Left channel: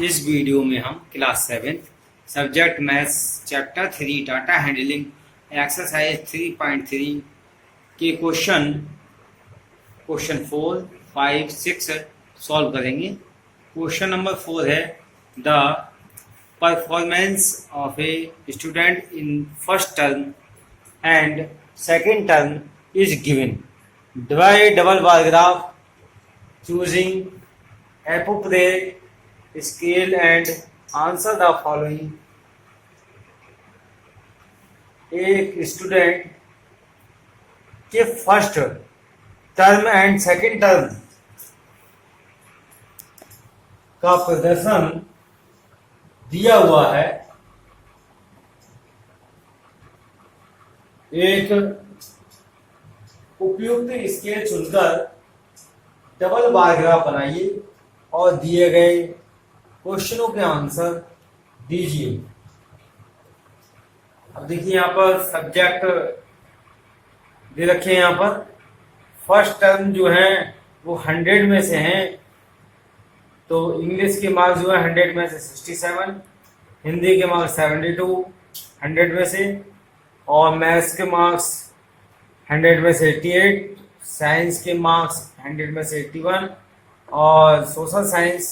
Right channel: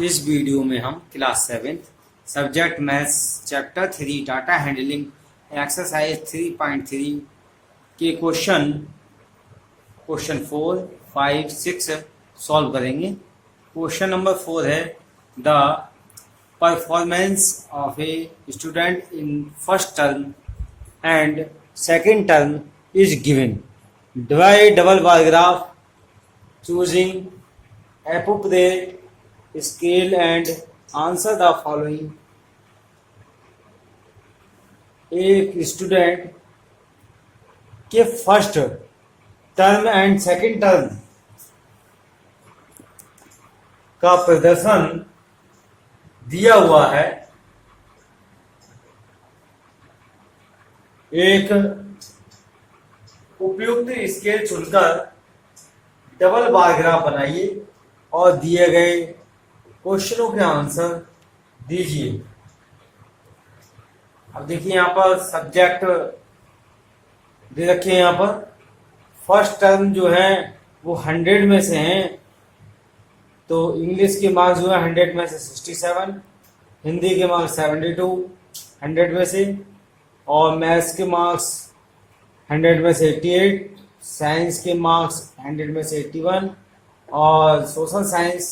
इस वीडियो में हम class 7 subject maths chapter 3 data handling exercise 3.3 के क्वेश्चन 4, 5, 6 सॉल्व करेंगे। क्वेश्चन नंबर 4 है the performance of a student in first term and second term is given. Divide double bar graph choosing appropriate scale and answer the following। एक student के first term and second term का प्रदर्शन दिया हुआ है। एक उपयुक्त स्केल चुनकर डबल बार ग्राफ बनाइए और दिए गए क्वेश्चनों के आंसर दीजिए। अब देखिए यहाँ पर सब्जेक्ट दे रखे हैं। यहाँ पर फर्स्ट टर्म जो है वो 100 में से हैं, तो इंग्लिश के मार्क्स जो है 100 में से 67, हिंदी के मार्क्स 72 100 में से, और मैथ्स के मार्क्स 100 में से 88, साइंस के मार्क्स 100 में से 81 और सोशल साइंस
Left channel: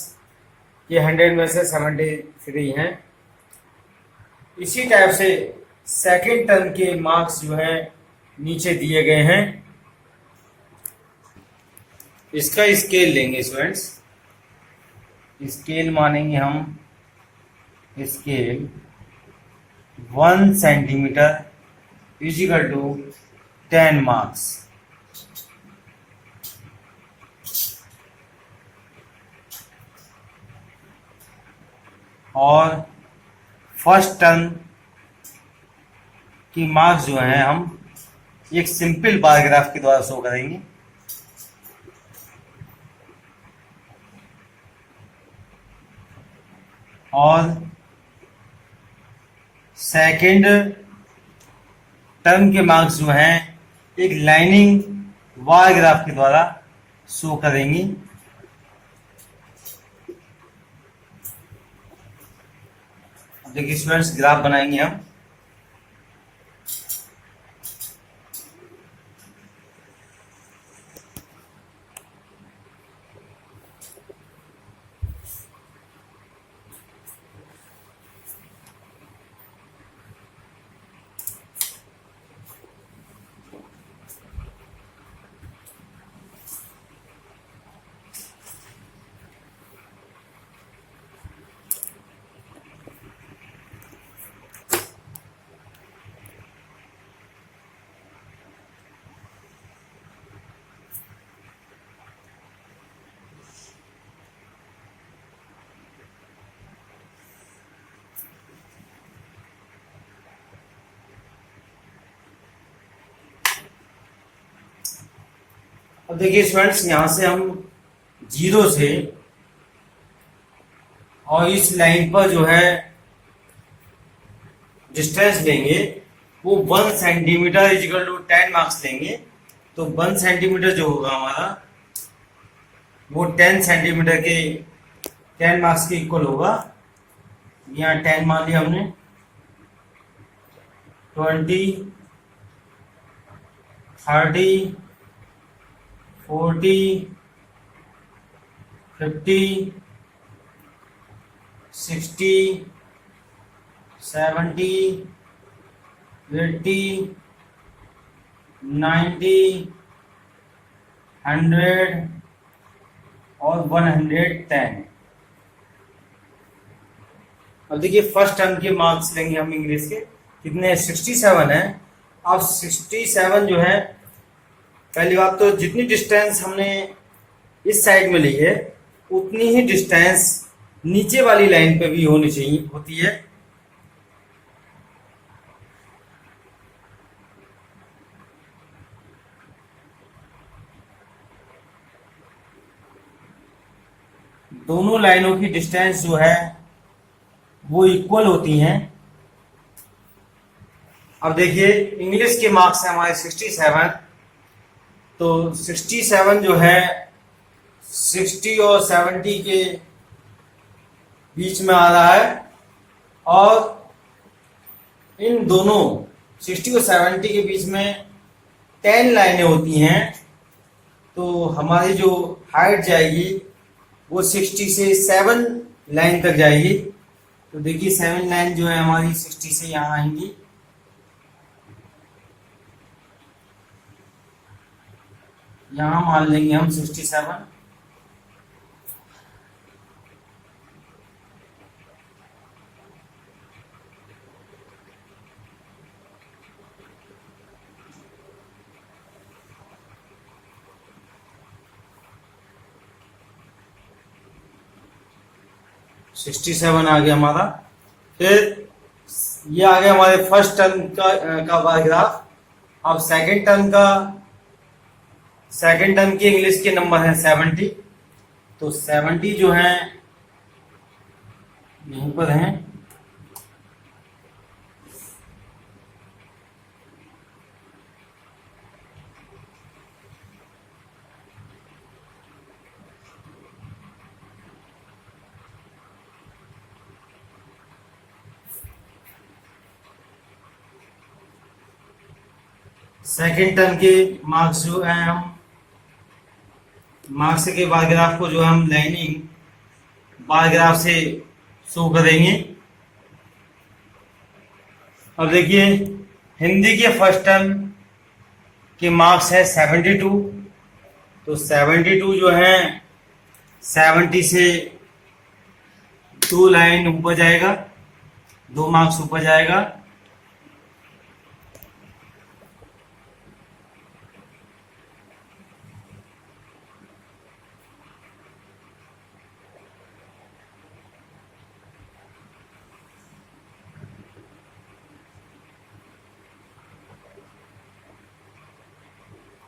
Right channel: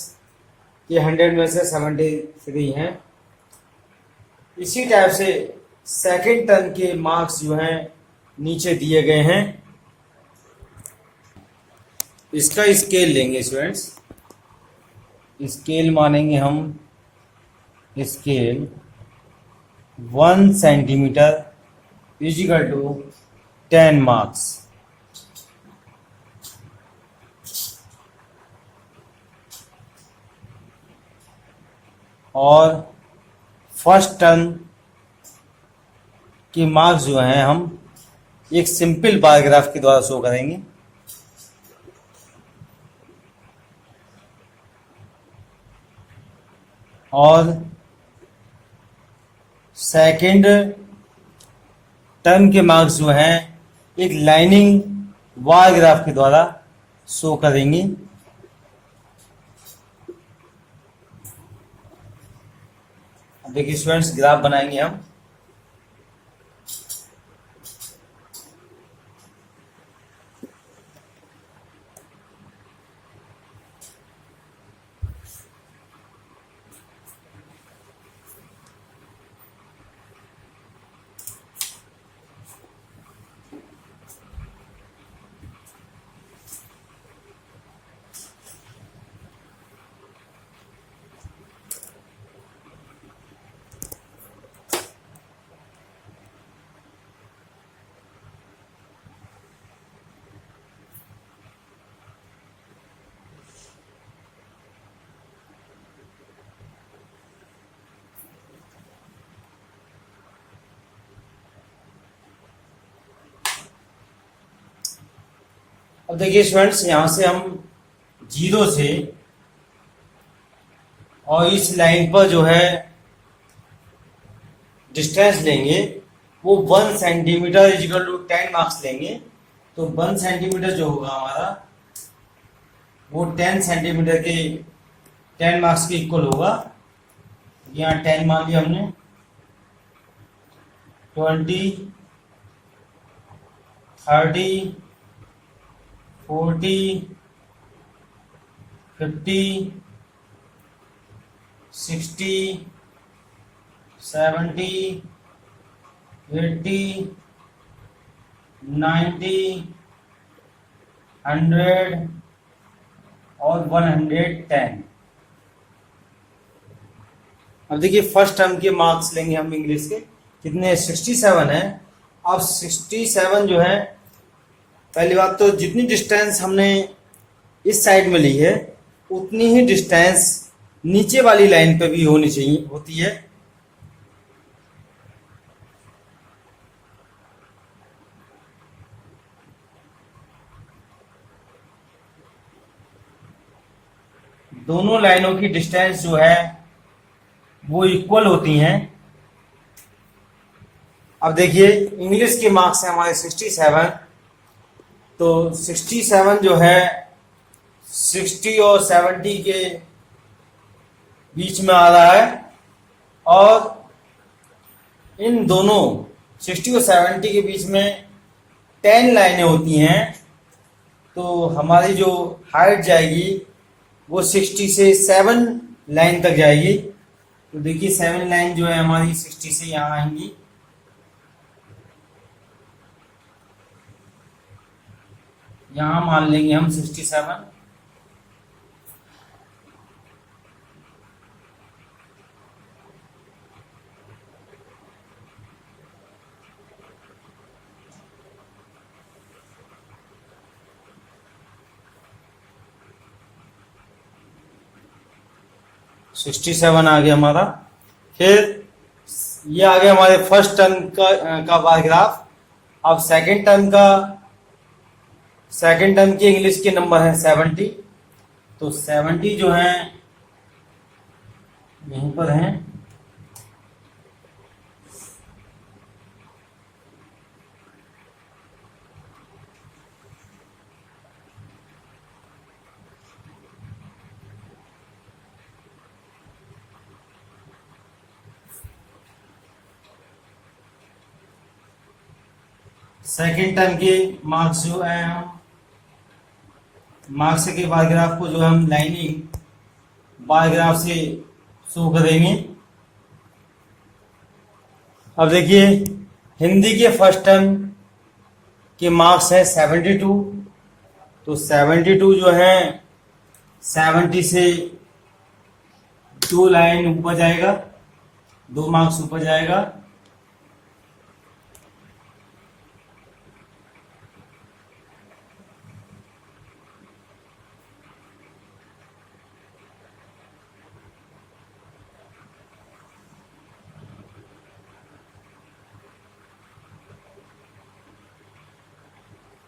के 100 में से 73 हैं। इसी टाइप से सेकंड टर्म के मार्क्स जो हैं नीचे दिए गए हैं। इसका स्केल लेंगे स्टूडेंट्स। स्केल मानेंगे हम scale 1 centimetre is equal to 10 marks. और फर्स्ट टर्म की मार्क्स जो हैं हम एक सिंपल बार ग्राफ के द्वारा शो करेंगे। और सेकंड टर्म के मार्क्स जो हैं एक लाइनिंग बार ग्राफ के द्वारा शो करेंगे। देखिए स्टूडेंट्स, ग्राफ बनाएंगे हम। अब देखिए स्टूडेंट्स, यहां से हम 0 से और इस लाइन पर जो है डिस्टेंस लेंगे वो 1 सेंटीमीटर इजिकल टू 10 मार्क्स लेंगे। तो 1 सेंटीमीटर जो होगा हमारा वो 10 सेंटीमीटर के 10 मार्क्स के इक्वल होगा। यहाँ 10 मान लिया हमने। 20, 30, 40, 50, 60, 70, 80, 90, 100 और 110। अब देखिए फर्स्ट टर्म के मार्क्स लेंगे हम इंग्लिश के। कितने? 67 है। अब 67 जो है, पहली बात तो जितनी डिस्टेंस हमने इस साइड में ली है उतनी ही डिस्टेंस नीचे वाली लाइन पे भी होती है। दोनों लाइनों की डिस्टेंस जो है वो इक्वल होती हैं। अब देखिए इंग्लिश के मार्क्स हैं हमारे 67, तो 67 जो है 60 और 70 के बीच में आ रहा है, और इन दोनों 60 और 70 के बीच में 10 लाइनें होती हैं, तो हमारी जो हाइट जाएगी वो 60 से 7 लाइन तक जाएगी। तो देखिए 7 लाइन जो है हमारी 60 से यहाँ आएंगी, यहाँ मान लेंगे हम 67। सिक्सटी सेवन आ गया हमारा। फिर ये आ गया हमारे फर्स्ट टर्म का बार ग्राफ। अब सेकंड टर्म के इंग्लिश के नंबर हैं 70। तो 70 जो है यहीं पर हैं। सेकंड टर्म के मार्क्स जो है हम मार्क्स के बार ग्राफ को जो है हम लाइनिंग बार ग्राफ से शो करेंगे। अब देखिए हिंदी के फर्स्ट टर्म के मार्क्स है 72। तो 72 जो है 70 से 2 लाइन ऊपर जाएगा, 2 मार्क्स ऊपर जाएगा।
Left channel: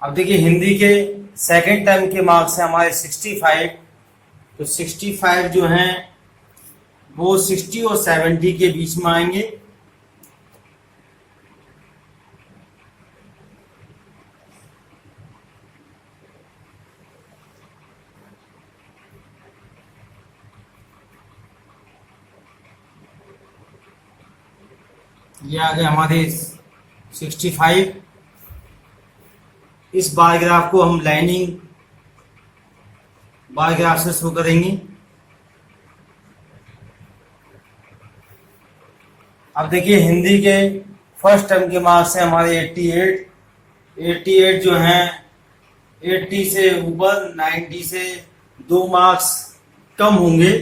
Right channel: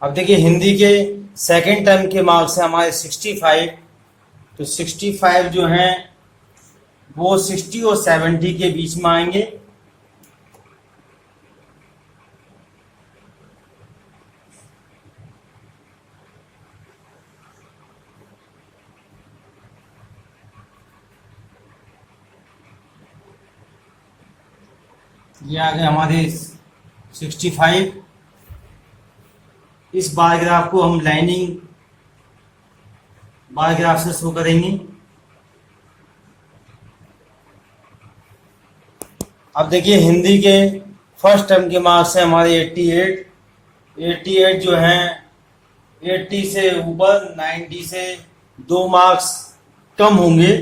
अब देखिए हिंदी के सेकंड टर्म के मार्क्स है हमारे 65। तो 65 जो हैं वो 60 और 70 के बीच में आएंगे। ये आ गए हमारे 65। इस बार ग्राफ को हम लाइनिंग बार ग्राफ से शो करेंगे। अब देखिए हिंदी के फर्स्ट टर्म के मार्क्स हैं हमारे 88। 88 जो हैं 80 से ऊपर, 90 से 2 मार्क्स कम होंगे।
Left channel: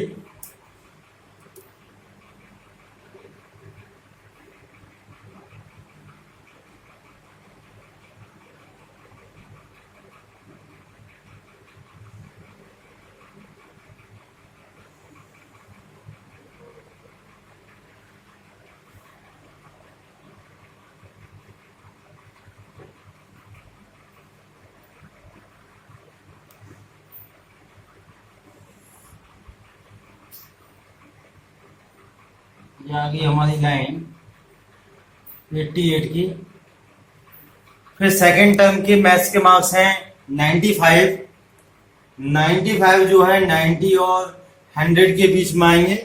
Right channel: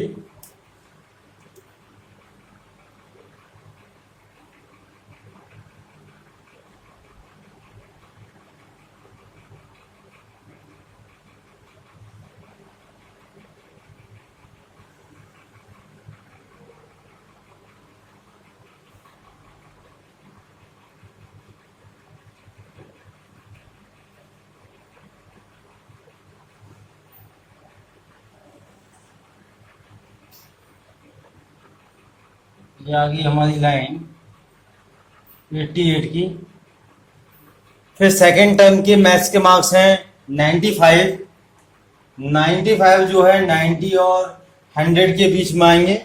ये आ गई हमारी लाइन 88 की। फिर सेकंड टर्म के मैथ्स के मार्क्स हैं 95। 95 जो है 90 और 100 के बीच में आएंगे।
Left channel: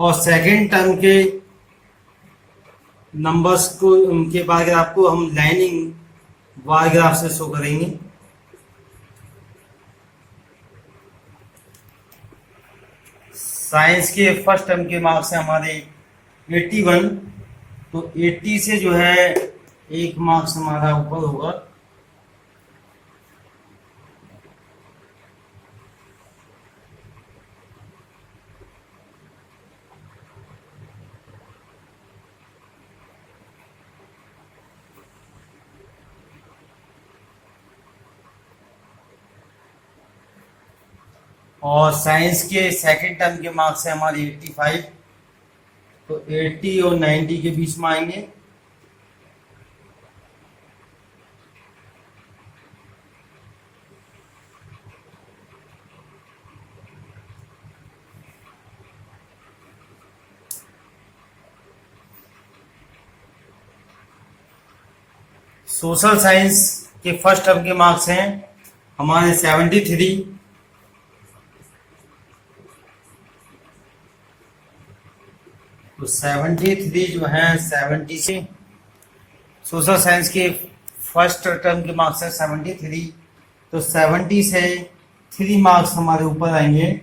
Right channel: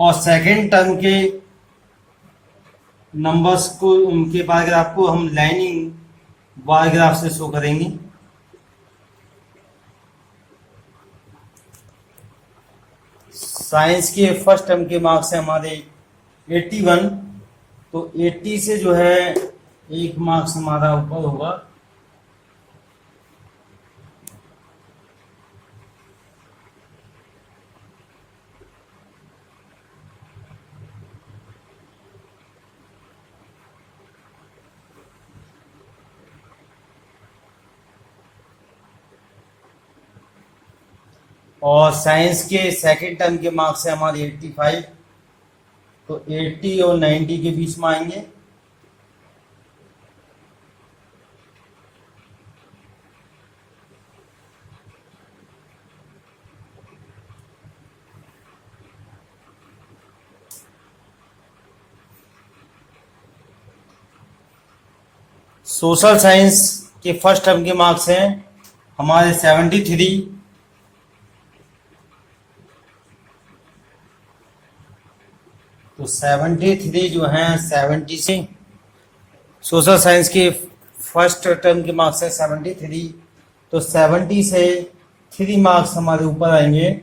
और सेकंड टर्म के नंबर्स को उनके बार ग्राफ को हम लाइनिंग बार ग्राफ से शो करेंगे। साइंस के फर्स्ट टर्म के मार्क्स हैं हमारे 81। तो 80 से जो है 1 मार्क्स हमारा ऊपर होगा। और साइंस के सेकंड टर्म के मार्क्स है हमारे 85, तो 80 और 90 के बीच में आएंगे। सोशल साइंस के फर्स्ट टर्म के मार्क्स हैं हमारे 73, तो 73 जो हैं 70 से, सोशल साइंस के फर्स्ट टर्म के मार्क्स हैं 73, तो 70 से 3 मार्क्स हमारे ऊपर आएंगे।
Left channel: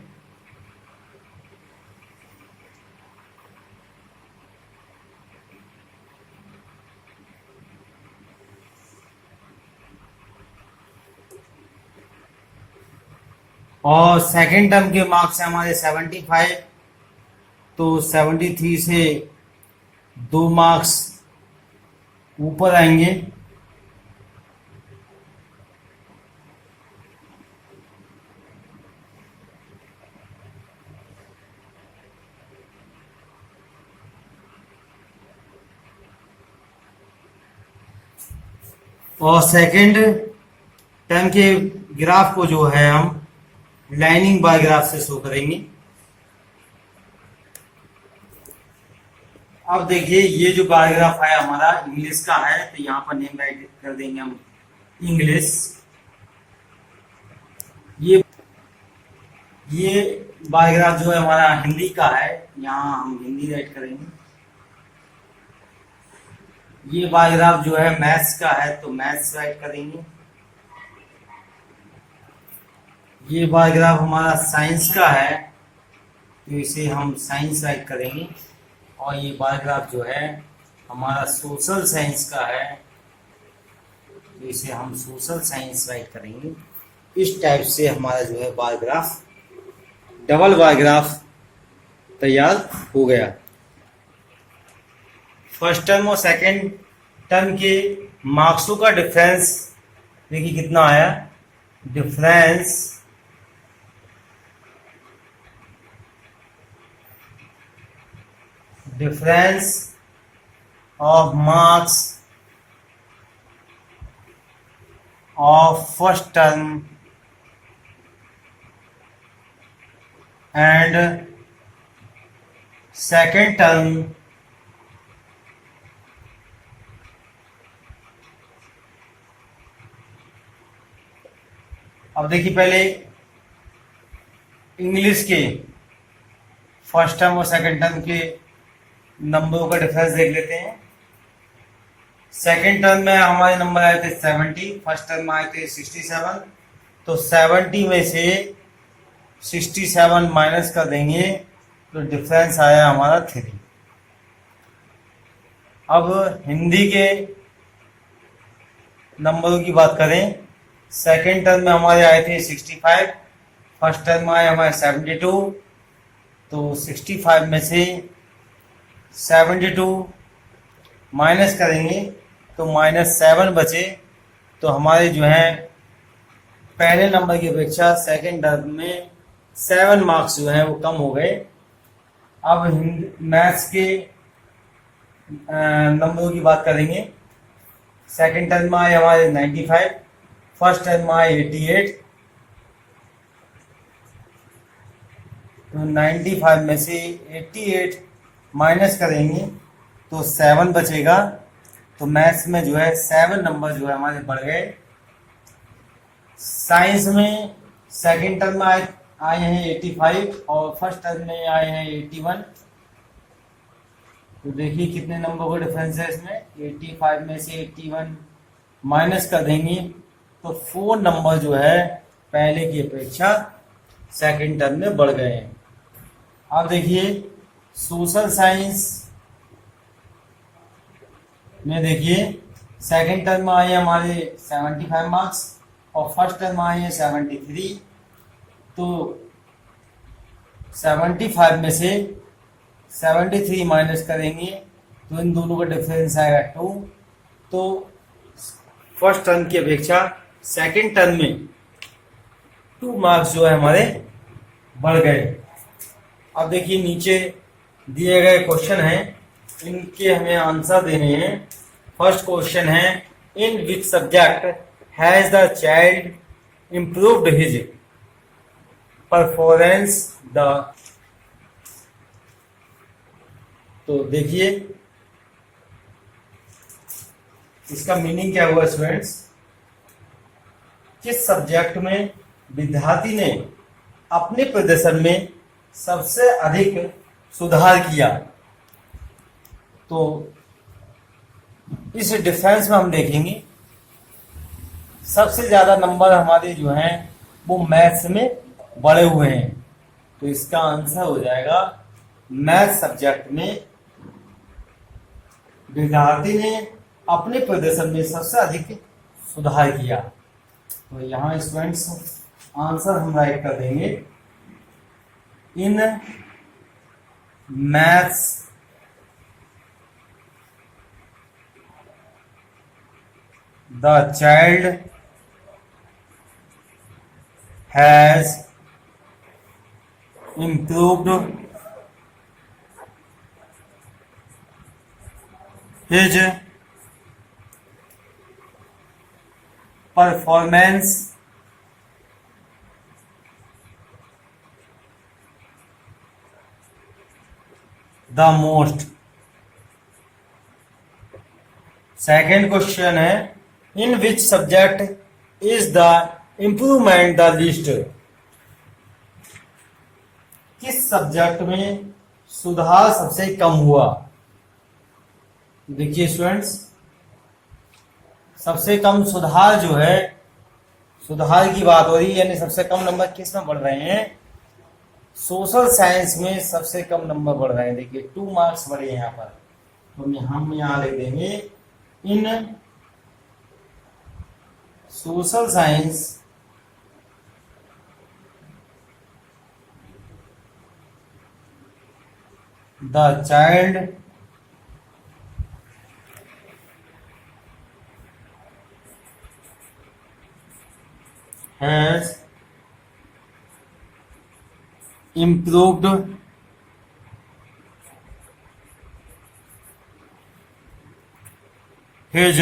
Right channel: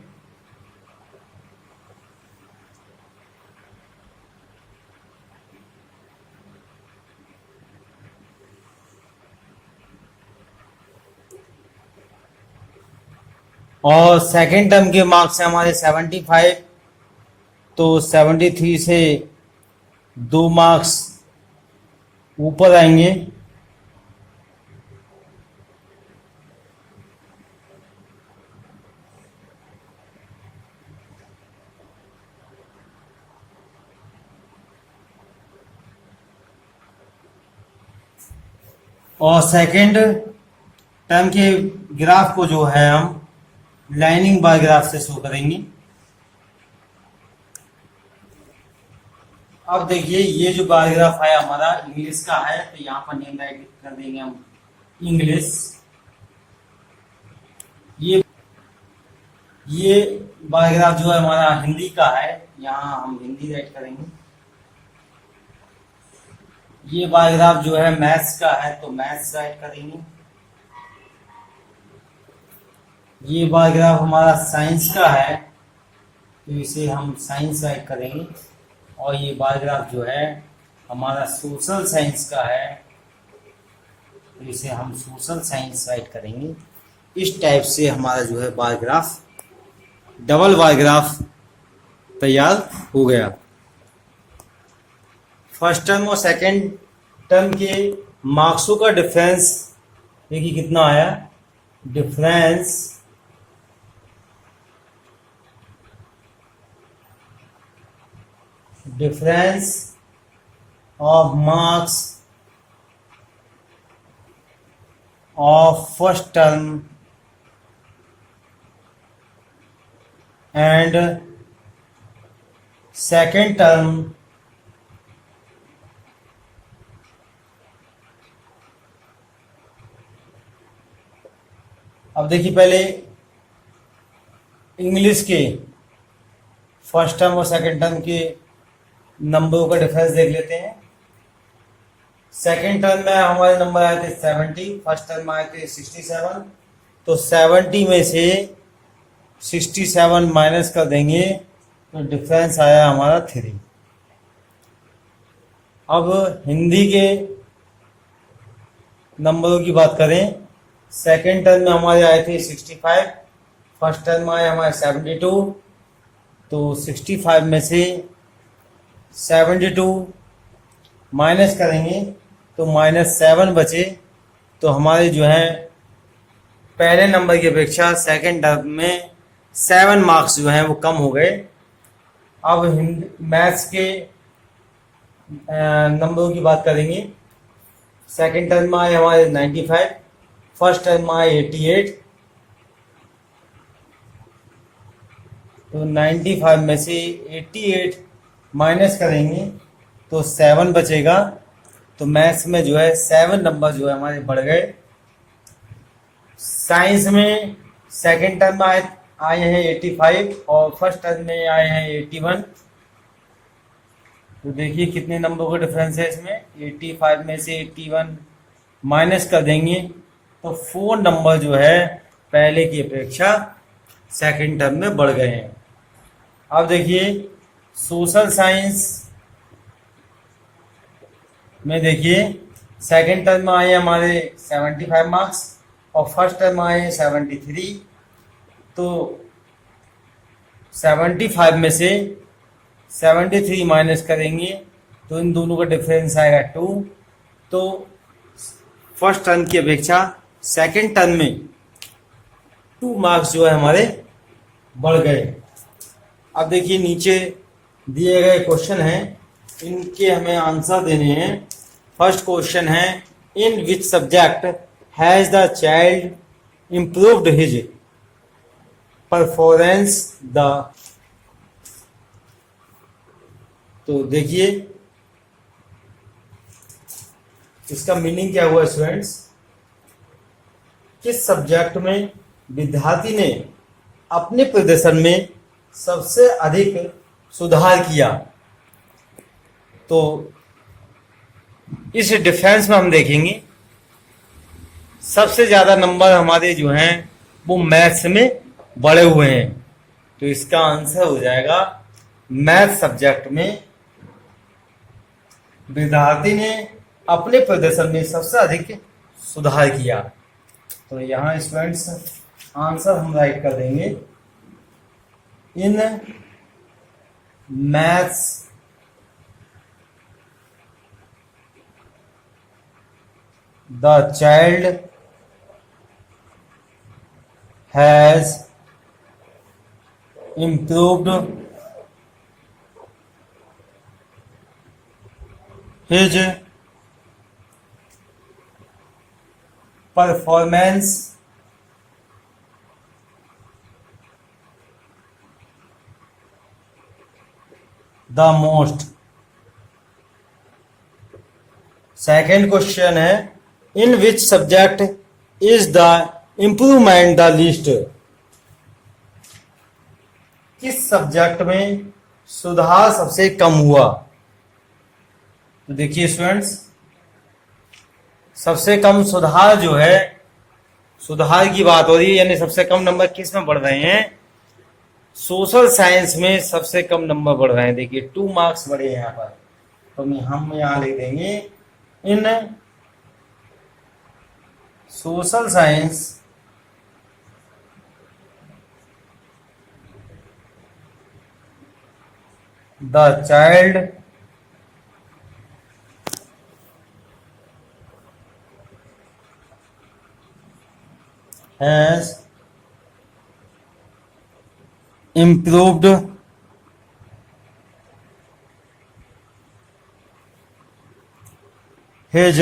और सेकेंड टर्म के मार्क्स हैं हमारे 75, तो 73 से 2 मार्क्स ऊपर आएंगे। और सेकेंड टर्म के ग्राफ को जो है हम लाइनिंग बार ग्राफ से शो करेंगे। अब देखिए ये जो बार ग्राफ है हमारा इंग्लिश का है, तो यहाँ पर नेम राइट कर देंगे हम इंग्लिश। ये बार ग्राफ जो है हमारा हिंदी का है, यहाँ हम हिंदी राइट करेंगे। ये बार ग्राफ जो है मैथ्स का है, तो मैथ्स राइट करेंगे। ये बार ग्राफ हमारा साइंस का है, तो इसे हम साइंस राइट करेंगे। और ये बार ग्राफ जो है हमारा सोशल साइंस का है, तो इसे हम सोशल साइंस राइट करेंगे। इस टाइप से हमारा जो है bar graph, double bar graph तैयार हो गया। फर्स्ट टर्म और सेकंड टर्म के मार्क्सों का डिफरेंस देखिए कितना आया। Difference of marks of first term and second term अब देखिए पहले इंग्लिश के फर्स्ट टर्म और सेकंड टर्म के नंबरों का डिफरेंस देख लेते हैं। सेकंड टर्म में हमारे नंबर आए थे 70, फर्स्ट टर्म में आए थे 67, तो 70 में से 67 माइनस कर देंगे तो डिफरेंस आया हमारा 3। अब हिंदी के नंबरों की बात करें, सेकेंड टर्म में हमारे आए थे 65, फर्स्ट टर्म में आए हमारे 72, तो 65 में से 72 माइनस करेंगे तो -7 बचे, तो हमारे जो है पहले नंबर की अपेक्षा सेकेंड टर्म में 7 मार्क्स जो हैं वो कम हो गए। अब मैथ्स के नंबरों की बात करेंगे। सेकेंड टर्म में आए हमारे 95, फर्स्ट टर्म में आए 88, तो 95 में से 88 माइनस करेंगे तो 7 बचेगा, तो मैथ्स में जो है 7 नंबर जो है हमारे बढ़ गए। साइंस में सेकेंड टर्म में आए हैं 85 और फर्स्ट टर्म में आए हैं 81, तो देखिए कितने नंबर का डिफरेंस है इसमें। 85 में से 81 माइनस कर देंगे तो 4 नंबर जो है पहले की अपेक्षा सेकेंड टर्म में बढ़ गए हैं। अब देखिए सोशल साइंस में देखिए सेकेंड टर्म में आए हमारे 75 मार्क्स और फर्स्ट टर्म में आए हैं 73, तो 75 में से 73 माइनस करेंगे तो इन दोनों का डिफरेंस आएगा 2, तो फर्स्ट टर्म की अपेक्षा सेकेंड टर्म में 2 मार्क्स जो है हमारे बढ़ गए। अब देखिए नीचे दिए गए क्वेश्चन हैं, इनके हमें आंसर देने हैं। फर्स्ट क्वेश्चन है, in which subject has the child improved his performance the. तो देखिए इसका मीनिंग क्या हुआ स्टूडेंट्स, किस सब्जेक्ट में विद्यार्थी ने अपने प्रदर्शन में सबसे अधिक सुधार किया। तो इस डिफरेंस में हम देखेंगे सबसे ज्यादा नंबर हमारे जो हैं वो मैथ्स में बढ़े हुए हैं। तो इसका आंसर हो जाएगा मैथ सब्जेक्ट में विद्यार्थी ने अपने प्रदर्शन में सबसे अधिक सुधार किया। तो यहाँ स्टूडेंट्स आंसर हम राइट कर देंगे, in maths the child has improved his performance the most। Second question है, in which subject is the improvement the least. किस सब्जेक्ट में सुधार सबसे कम हुआ। तो देखिए स्टूडेंट्स, सबसे कम सुधार जो है, सुधार की बात हो रही है, यानी सबसे कम नंबर किस में बढ़ रहे हैं, सोशल साइंस में सबसे कम नंबर बढ़ रहे हैं। देखिए 2 मार्क्स बढ़े यहाँ पर। तो हम यहाँ लिख देंगे, in social science the child has improved his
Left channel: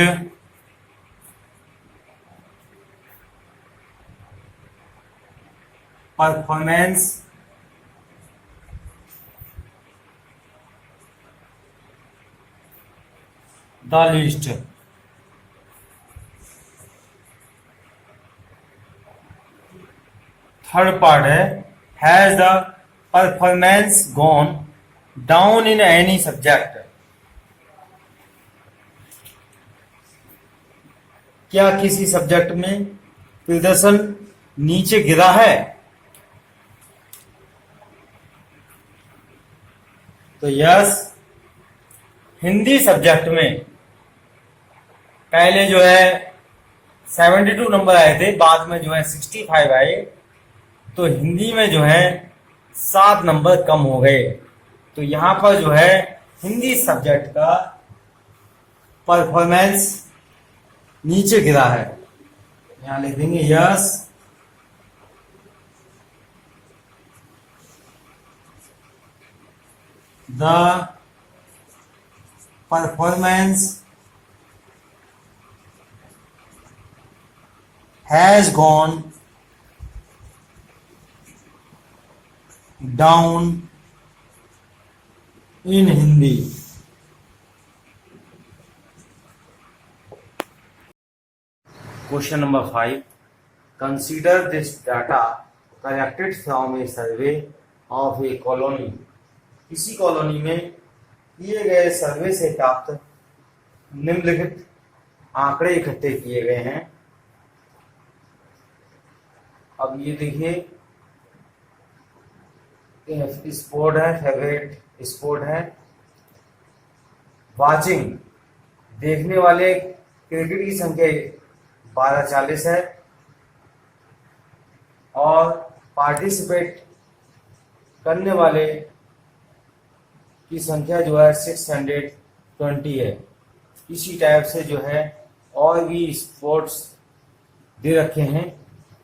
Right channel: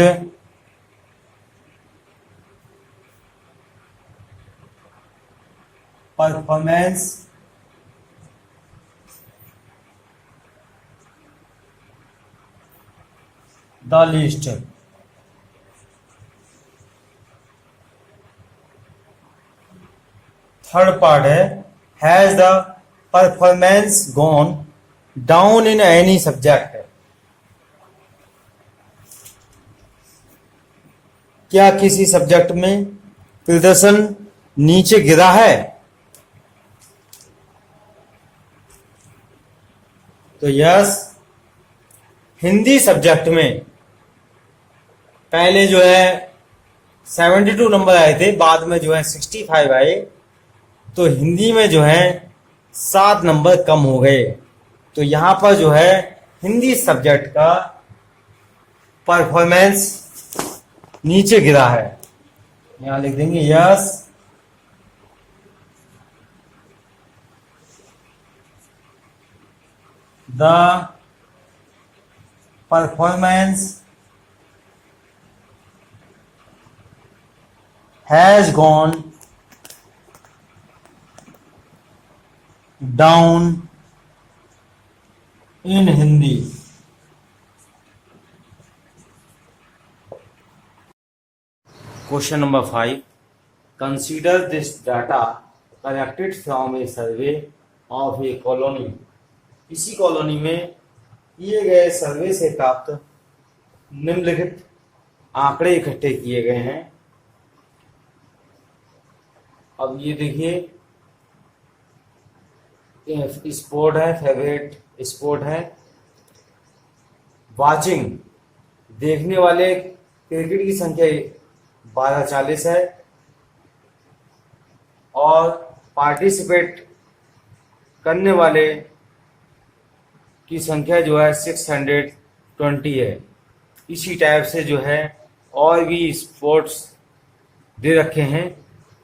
performance the least। Third part है, has the performance gone down in any subject. क्या किसी सब्जेक्ट में प्रदर्शन नीचे गिरा है। तो यस, हिंदी सब्जेक्ट में पहले जो है 72 नंबर आए थे, बाद में जो है 65 आए। तो हिंदी में जो है 7 नंबर कम हो गए। तो यहां पर जो है हिंदी सब्जेक्ट का परफॉर्मेंस नीचे गिरा है। यहां लिख देंगे yes, the performance has gone down in Hindi. Question number 5, consider this data collected from A survey of A colony. किसी कॉलोनी में किए गए सर्वे से प्राप्त निम्नलिखित आंकड़े इकट्ठे किए गए हैं। अब ये देखिए, स्पोर्ट है, फेवरेट स्पोर्ट है, वाचिंग देखने वाले क्रिकेट की संख्या 1240 है, और पार्टिसिपेट करने वाले की संख्या जो है 620 है। इसी टाइप से जो है और भी स्पोर्ट्स दे रखे हैं,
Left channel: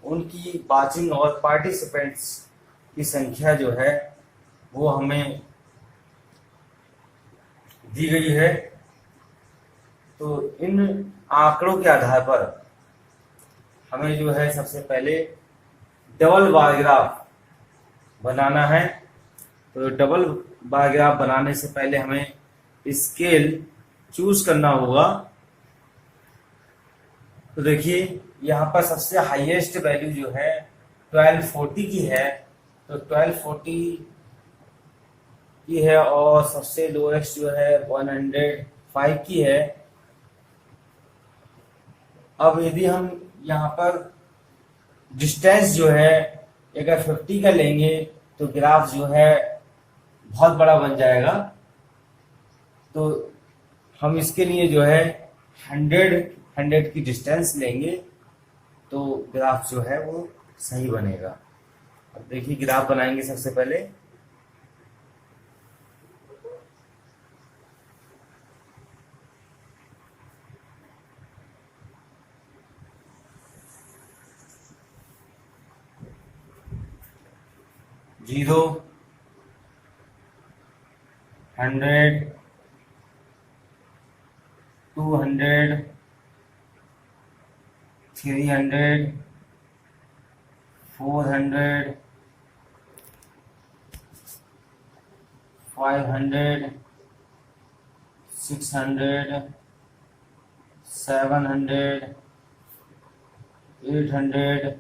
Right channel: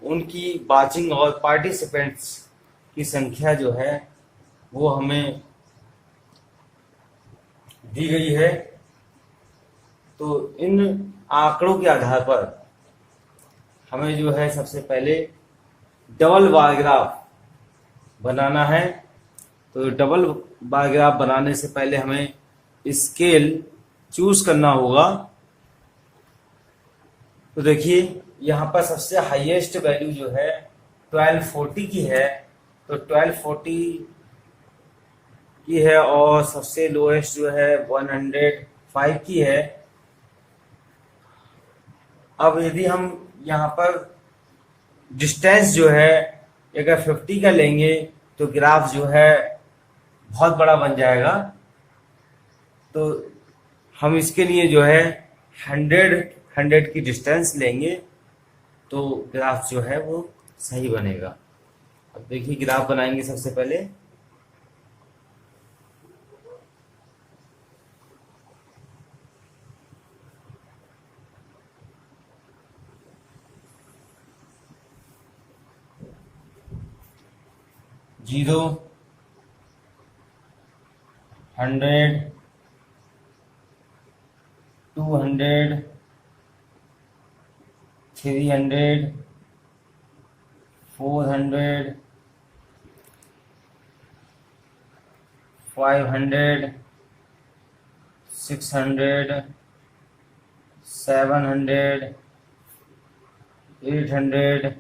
उनकी वाचिंग और पार्टिसिपेंट्स की संख्या जो है वो हमें दी गई है। तो इन आंकड़ों के आधार पर हमें जो है सबसे पहले डबल बार ग्राफ बनाना है। तो डबल बार ग्राफ बनाने से पहले हमें स्केल चूज करना होगा। तो देखिए यहाँ पर सबसे हाईएस्ट वैल्यू जो है 1240 की है, तो 1240 की है, और सबसे लोएस्ट जो है 105 की है। अब यदि हम यहाँ पर डिस्टेंस जो है अगर 50 का लेंगे तो ग्राफ जो है बहुत बड़ा बन जाएगा। तो हम इसके लिए जो है 100 की डिस्टेंस लेंगे तो ग्राफ जो है वो सही बनेगा। अब देखिए ग्राफ बनाएंगे सबसे पहले। जीरो, 100, 200, 300, 400, 500, 600, 700, 800,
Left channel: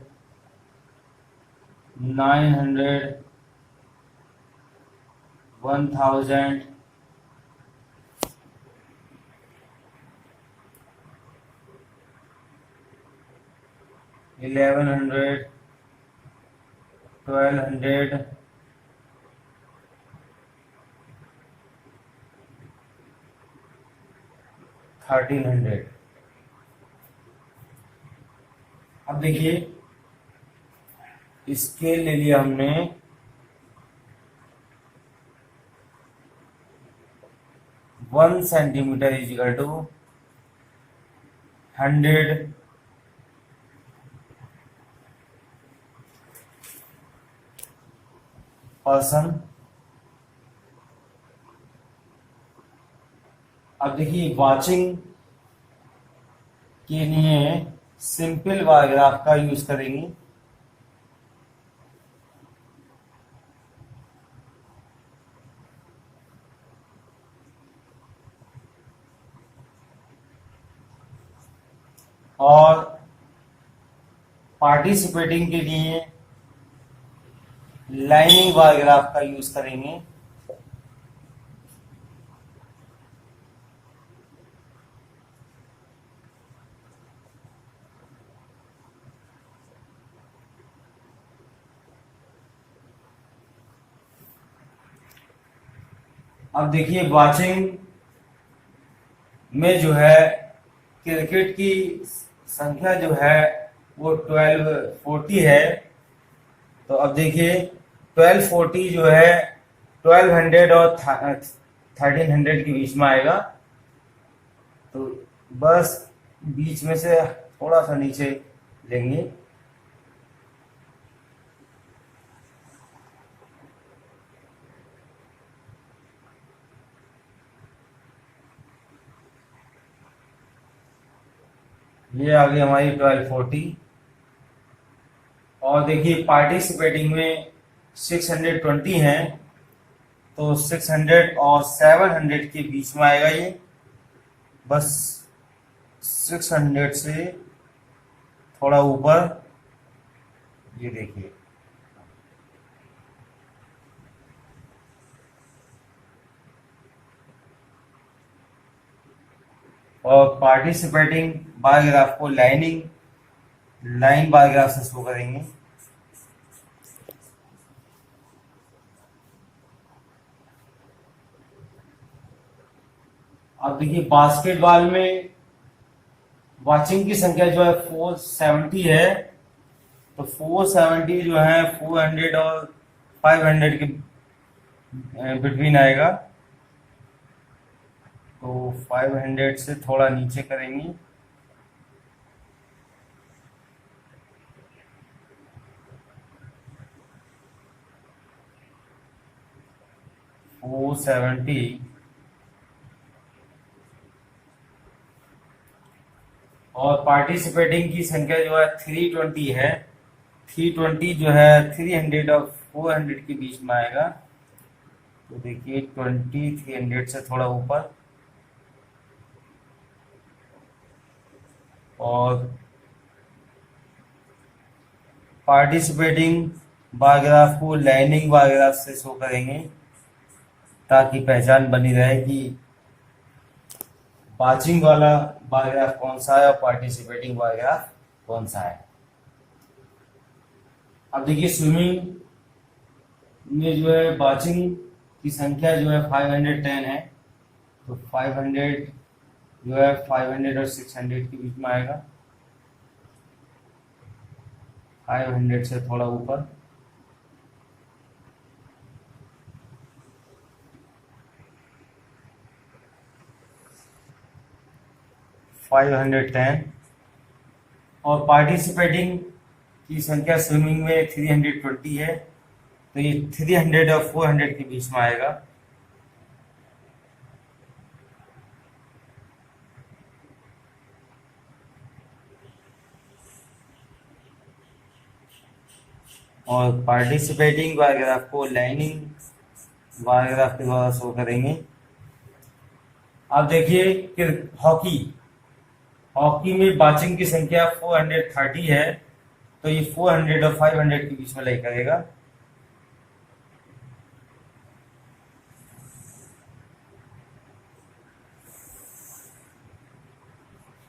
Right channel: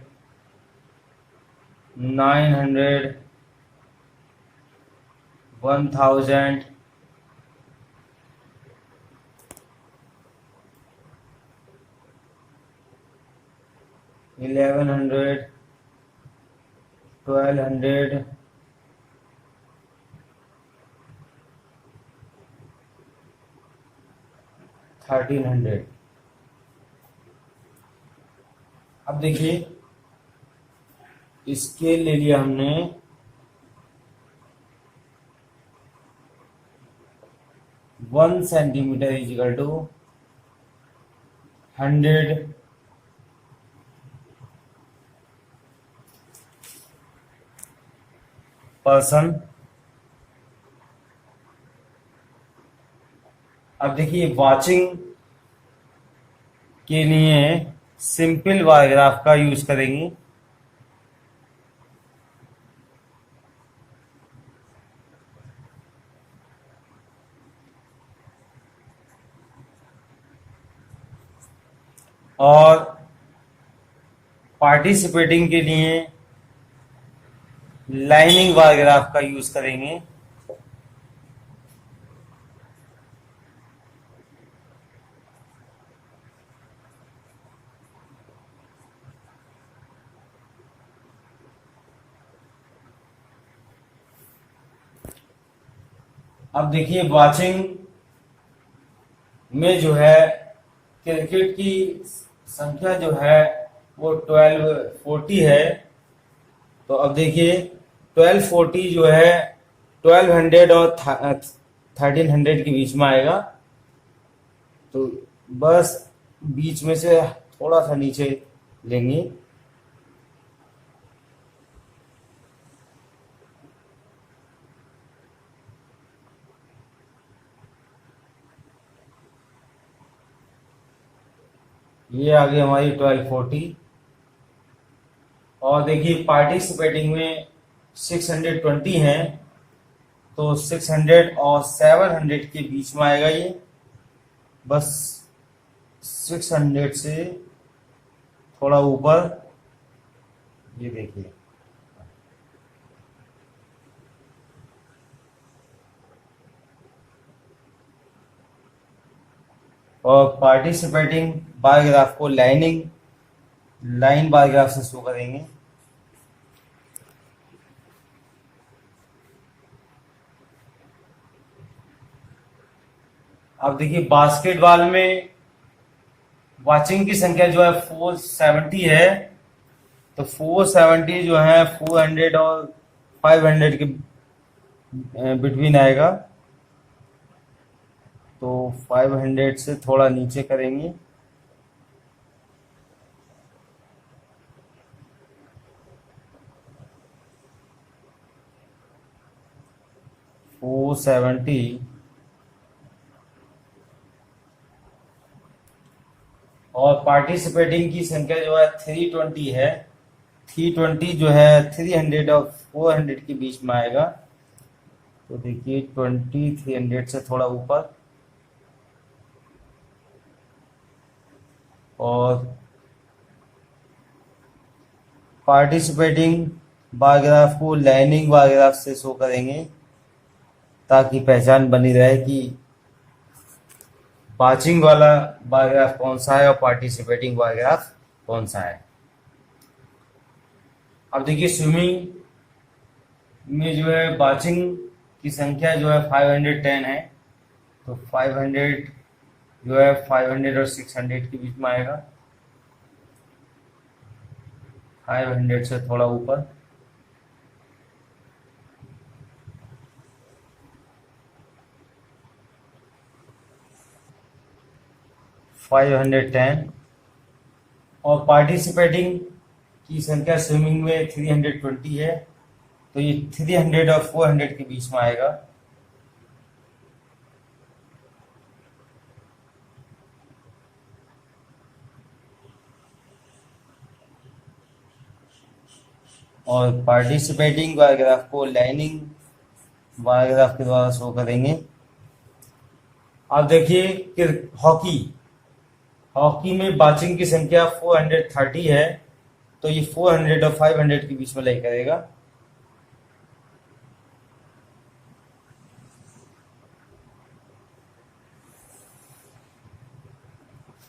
900, 1000, 1100, 1200, 1300। अब देखिए स्केल ले लिया हमने, 1 centimetre is equal to 100 person. अब देखिए वाचिंग के लिए सिंपल बार ग्राफ का यूज करेंगे। और पार्टिसिपेटिंग के लिए लाइनिंग बार ग्राफ का यूज करेंगे। अब देखिए वाचिंग में जो है क्रिकेट की संख्या जो है वो 1240 है। तो अब देखिए 1240 जो है 1200 और 1300 के बीच में आएगा। तो बस बीच में से थोड़ा सा नीचे लेंगे। ये आ गई हमारी 1240। और देखिए पार्टिसिपेटिंग में 620 है, तो 600 और 700 के बीच में आएगा ये। बस 600 से थोड़ा ऊपर, ये देखिए। और पार्टिसिपेटिंग बार ग्राफ को लाइन बार ग्राफ से शो करेंगे। अब देखिए बास्केटबॉल में वाचिंग की संख्या जो है 470 है, तो 470 जो है 400 और 500 के बिटवीन आएगा। तो 500 से थोड़ा नीचे करेंगे। 470 और पार्टिसिपेटिंग की संख्या जो है 320 है। 320 जो है 300 और 400 के बीच में आएगा। तो देखिए 20 300 से थोड़ा ऊपर, और पार्टिसिपेटिंग बारग्राफ को लाइनिंग बारग्राफ से शो करेंगे ताकि पहचान बनी रहे कि वाचिंग वाला बारग्राफ कौन सा है और पार्टिसिपेटिंग बारग्राफ कौन सा है। अब देखिए स्विमिंग में जो है वाचिंग की संख्या जो है 510 है। तो 500 जो है 500 और 600 के बीच में आएगा। 500 से थोड़ा ऊपर, $510 और पार्टिसिपेटिंग की संख्या स्विमिंग में 320 है। तो ये 300 और 400 के बीच में आएगा। और पार्टिसिपेटिंग बारग्राफ को लाइनिंग बारग्राफ के द्वारा शो करेंगे। अब देखिए कि हॉकी में वाचिंग की संख्या 430 है। तो ये 400 और 500 के बीच में लाई करेगा।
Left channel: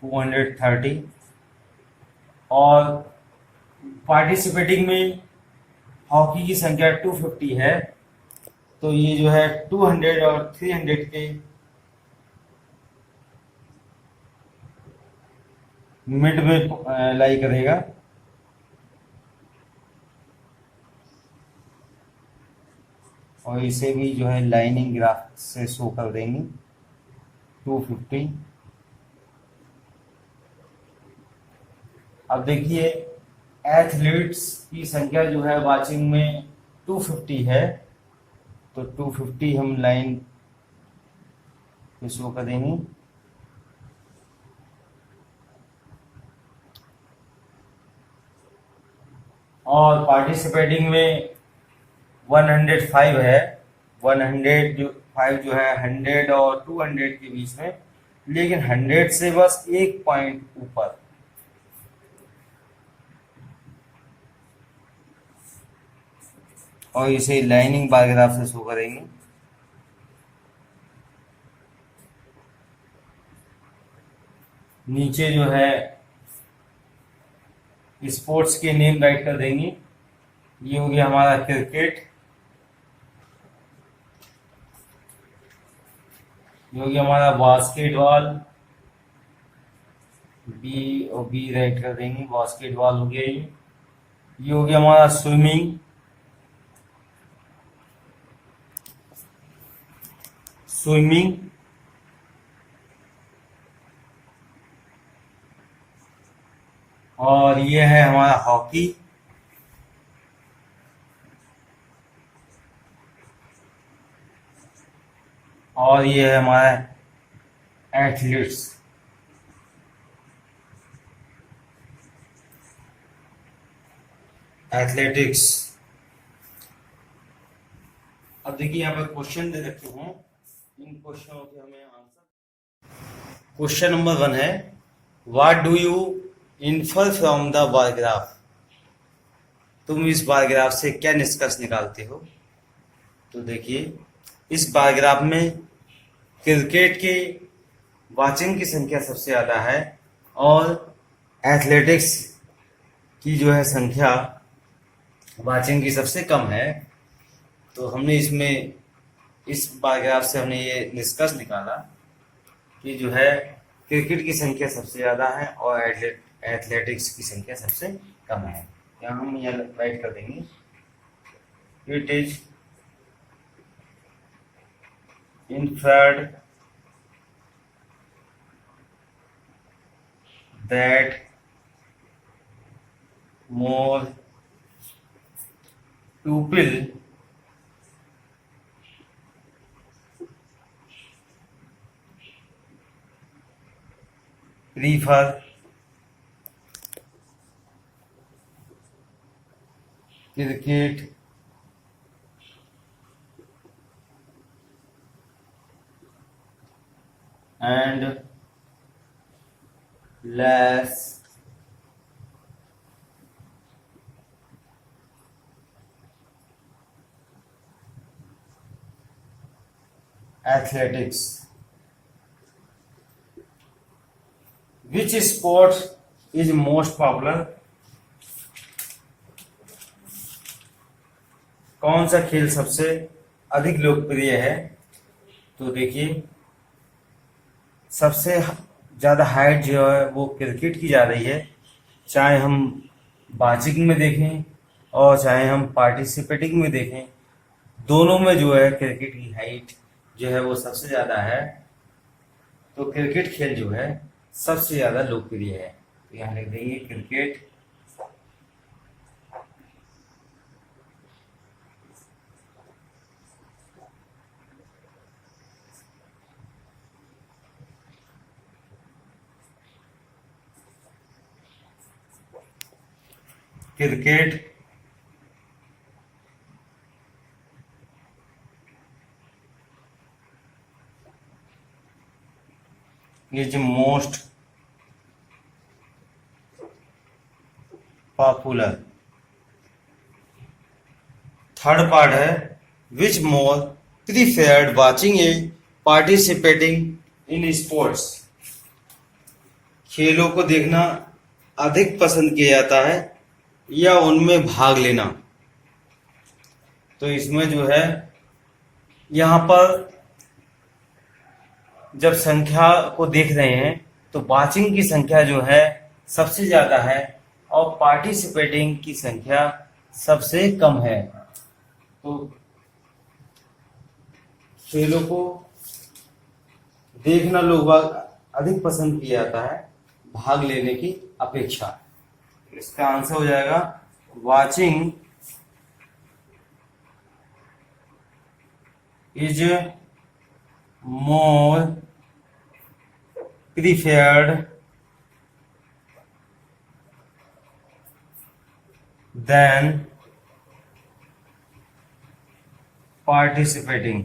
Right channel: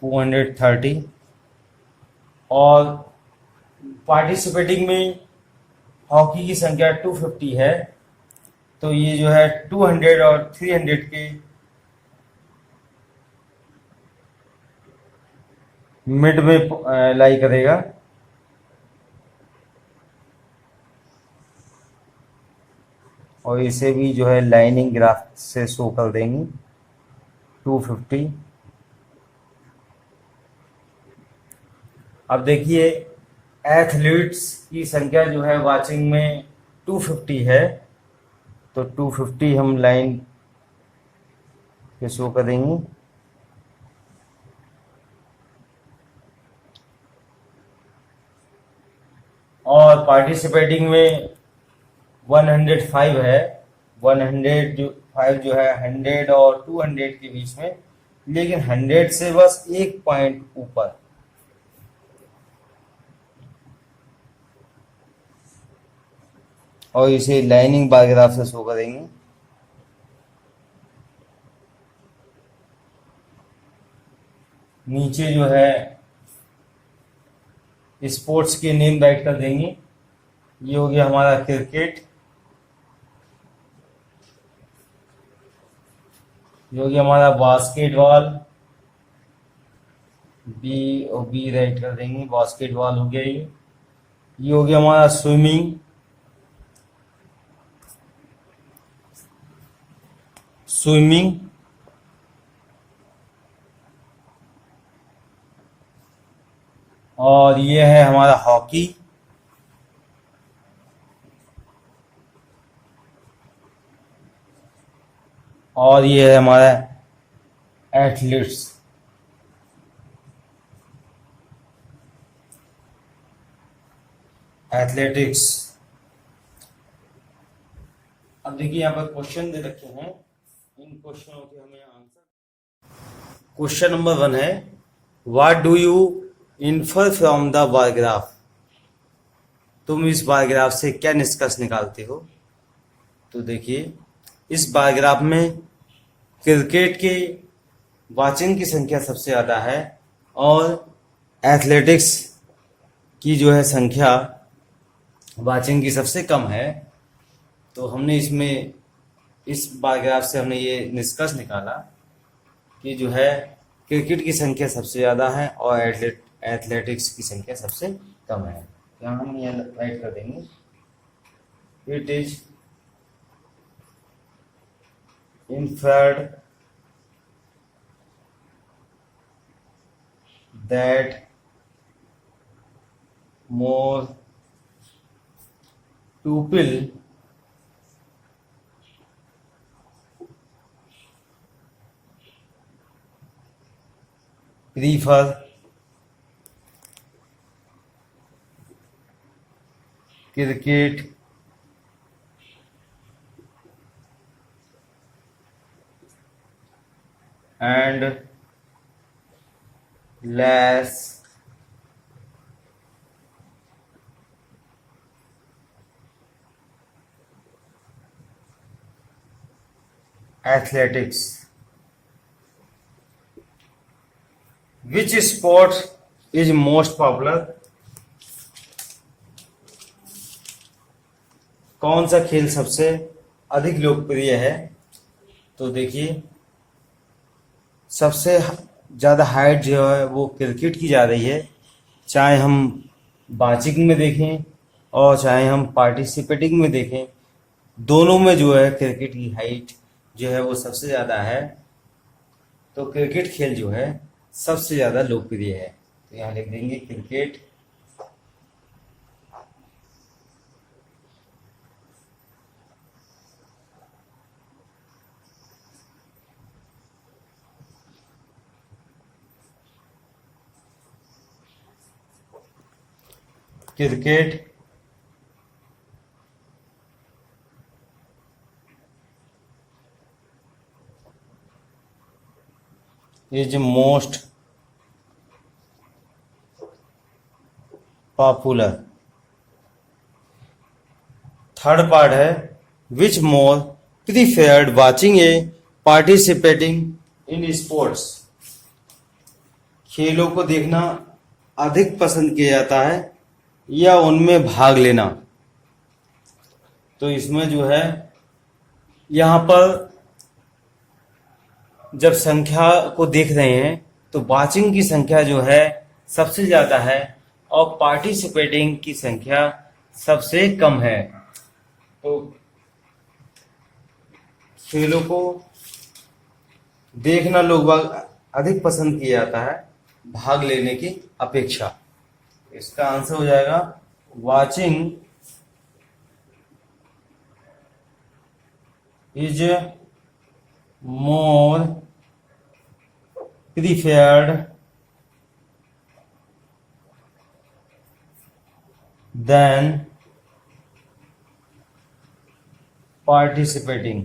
430 और पार्टिसिपेटिंग में हॉकी की संख्या 250 है। तो ये जो है 200 और 300 के मिड में लाई करेगा। और इसे भी जो है लाइनिंग ग्राफ से शो कर देंगे 250। अब देखिए एथलीट्स की संख्या जो है वाचिंग में 250 है। तो 250 हम लाइन पे शो करेंगे। और पार्टिसिपेटिंग में 105 है। 105 जो है 100 और 200 के बीच में, लेकिन 100 से बस एक पॉइंट ऊपर। और इसे लाइनिंग बारग्राफ से शो करेंगे। नीचे जो है स्पोर्ट्स के नेम राइट कर देंगे। ये हो गया हमारा क्रिकेट, ये हो गया हमारा बास्केटबॉल, बी और बी राइट कर देंगे, बास्केटबॉल हो गया। ये हो गया हमारा स्विमिंग, स्विमिंग। और ये है हमारा हॉकी। और ये है हमारा एथलीट्स। एथलेटिक्स। अब देखिए यहाँ पर क्वेश्चन दे रखे हैं। इन क्वेश्चनों के हमें आंसर। क्वेश्चन नंबर 1 है, what do you infer from the bar graph. तुम इस बारग्राफ से क्या निष्कर्ष निकालते हो। तो देखिए इस बारग्राफ में क्रिकेट के वाचिंग की संख्या सबसे ज़्यादा है और एथलेटिक्स की जो है संख्या वाचिंग की सबसे कम है। तो हमने इसमें इस बारग्राफ से हमने ये निष्कर्ष निकाला कि जो है क्रिकेट की संख्या सबसे ज़्यादा है और एथलेटिक्स की संख्या सबसे कम है। यहाँ हम यह राइट कर देंगे, it is inferred that more people prefer cricket and less athletics. Which sport is most popular? कौन सा खेल सबसे अधिक लोकप्रिय है? तो देखिए, सबसे ज़्यादा हाइट जो है वो क्रिकेट की जा रही है, चाहे हम बाचिंग में देखें और चाहे हम पार्टिसिपेटिंग में देखें, दोनों में जो है क्रिकेट की हाइट जो है वो सबसे ज़्यादा है। तो क्रिकेट खेल जो है सबसे ज़्यादा लोकप्रिय है, तो यहाँ लिख देंगे cricket cricket is most popular. Third part है which more preferred watching a participating in sports. खेलों को देखना अधिक पसंद किया जाता है या उनमें भाग लेना। तो इसमें जो है यहाँ पर जब संख्या को देख रहे हैं तो वाचिंग की संख्या जो है सबसे ज़्यादा है और पार्टिसिपेटिंग की संख्या सबसे कम है। तो खेलों को देखना लोग अधिक पसंद किया जाता है भाग लेने की अपेक्षा। इसका आंसर हो जाएगा watching is more preferred than participating।